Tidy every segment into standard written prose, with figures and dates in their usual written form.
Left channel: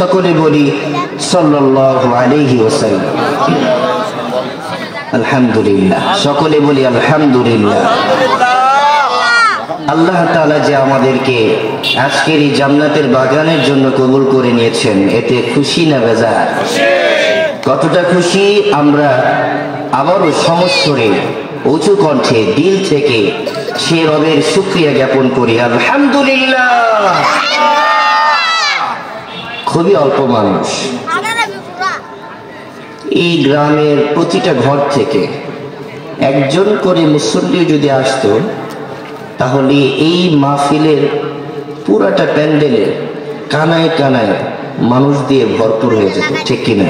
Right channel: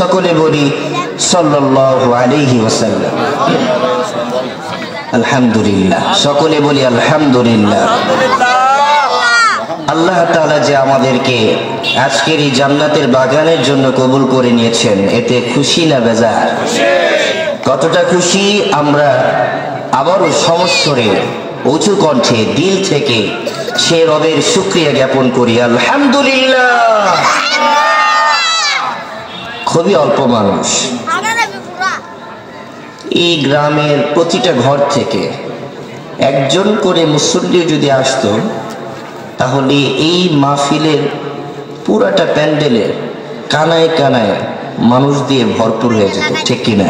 সকলে বলি সাল্লাল্লাহু আলাইহি ওয়াসাল্লাম। আলহামদুলিল্লাহ, সকলে বলি আলহামদুলিল্লাহ। আল্লাহ তাআলা যে আমাদেরকে আজকের এই জান্নাতের বাগানের জন্য কবুল করে নিয়েছেন, এতে খুশি না বেজার? কতটা খুশি আমরা আবারও সমস্বরে উঁচু কণ্ঠে দিল থেকে সে রবের শুকরিয়া জ্ঞাপন করি, আলহামদুলিল্লাহ। খুবই অল্প মানুষ, এই গ্রামের প্রতিটা ঘর থেকে একজন করে মুসল্লি যদি আসতো, তাহলে এই মাহফিলের পুরাটা প্যান্ডেলে কানায় কানায় মানুষ দিয়ে ভরপুর হয়ে যেত, ঠিক কিনা?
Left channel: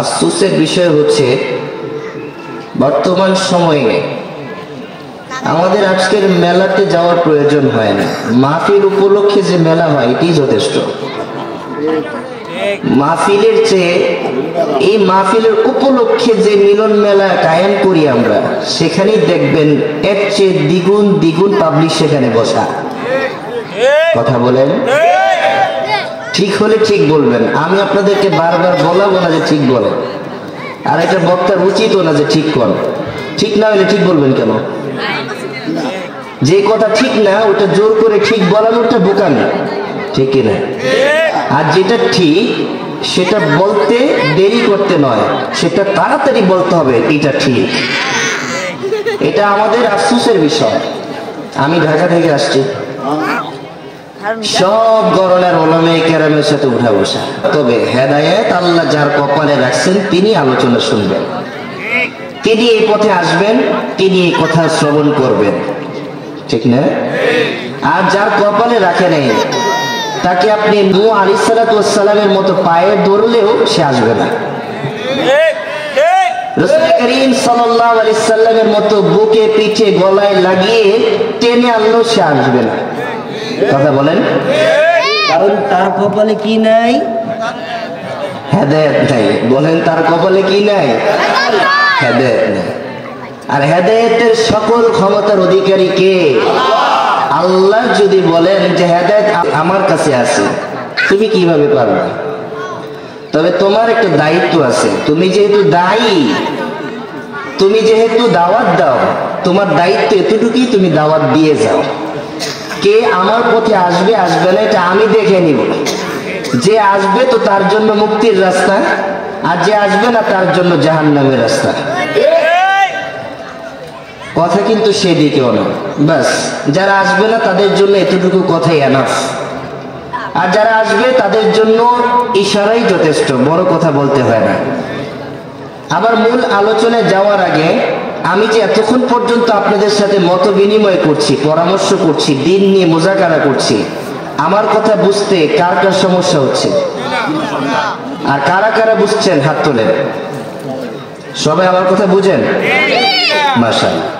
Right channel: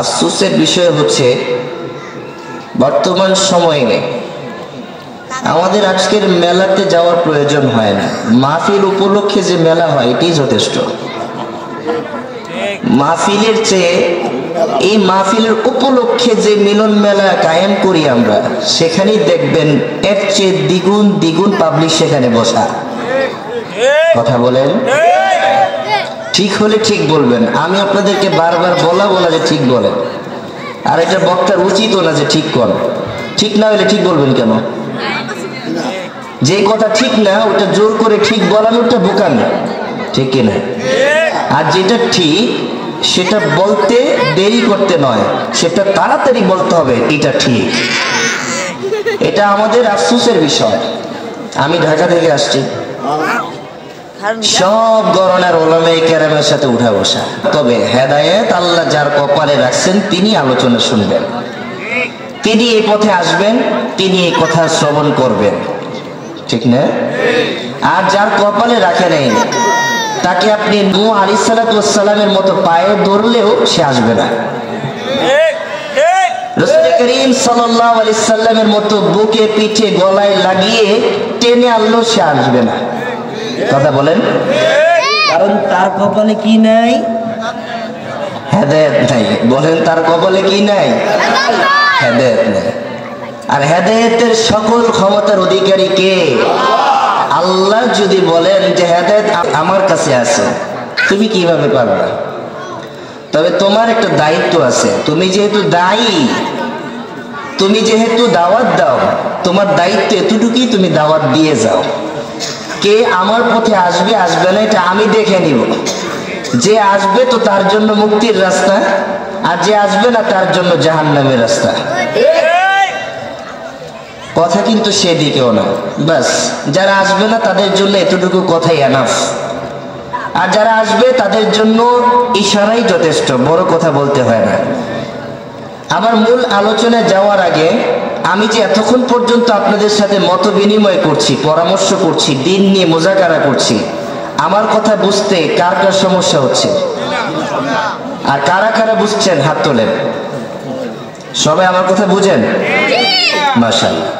আফসোসের বিষয় হচ্ছে বর্তমান সময়ে আমাদের আজকের মেলাতে যাওয়ার প্রয়োজন হয় না। মাহফিল উপলক্ষে যে মেলা হয় এটি যথেষ্ট। মাহফিলের চেয়ে এই মাহফিলের উপলক্ষে যে মিলন মেলা কায়েম করি আমরা, সেখানেই দেখবেন এর চেয়ে দ্বিগুণ দ্বিগুণ পাবলিক সেখানে বসা। কথা বলেন, ঠিক হলে ঠিক বলবেন। আমি আপনাদেরকে বারবার বলাবো না যে ঠিক বলেন, আর এটা বক্তার উচিত না যে ঠিক কর। ঠিক না হলে ঠিক বলবেন কেন? যে কথা ঠিক না ওটা জোর করে ঠিক বলানোটা বোকামি, ঠিক কিনা? আর যেটা ঠিক সেটা বলতে দেরি করতে নয়, সেটা তাড়াতাড়ি বলতে হবে এটা ঠিক। এটা আমাদের আফসোসের বিষয়। আমি ঢাকা থেকে আসছি, সব গণনার ওলামায়ে কেরামের সাথে উঠা বসা। তবে হেদায়েত আল্লাহ যার কপালে রাখছেন তিনি আলোচনা শুনবেন, তিনি এই পথে আসবেন, তিনি এই কথা শ্রবণ করবেন, ঠিক না? আর যার কপালে রাখে নেই, তাকে আপনি নূহ আলাইহিস সালামের মতো পায়ে ধরলেও সে আসবে না। রাসূল করিম সাল্লাল্লাহু আলাইহি সাল্লামের মতো বুকে পিঠে গলায় লাগিয়ে টেনে আনলেও সে আসবে না। কথা বলেন, কারণ তার কপালে কি নাই? হেদায়েত নাই। বলেন, তার কপালে কি নাই? হেদায়েত নাই। আর হেদায়েতের সকল ক্ষমতার অধিকারী কে? আল্লাহ। যদি বলেন যে হেদায়েত আমার কাছে আছে, তুমি কিভাবে পারবে? তবে তোমার একটা দায়িত্ব আছে। তুমি যেহেতু দায়ী, তুমি যেহেতু দাওয়াত দাও, তোমার দায়িত্ব এতটুকুই, তুমি দাওয়াত দিয়ে যাও। কে আমার পথে আসবে আসবে না এটা আমি দেখে নিব। যে আসবে তো তার জন্য মুক্তির রাস্তা, আর যে আসবে না তার জন্য জাহান্নামের রাস্তা। কথা কিন্তু সেদিকেও না। বাস, যারা আসবে না তাদের জন্য এতটুকু কথাই এনাফ, আর যারা আসবে তাদের জন্য ইশারাই যথেষ্ট, বড় কথা বলতে হয় না। আমার মূল আলোচনায় যাওয়ার আগে আমি যে এতক্ষণ পর্যন্ত আপনাদের সাথে মত বিনিময় করছি, পরামর্শ করছি, দিন নিয়ে মুজাকারা করছি, আমার কথা বুঝতে কার কার সমস্যা হচ্ছে? আর কারা কারা বুঝছেন হাত তোলেন। সবাই আমার কথা বুঝেন? মাশাআল্লাহ।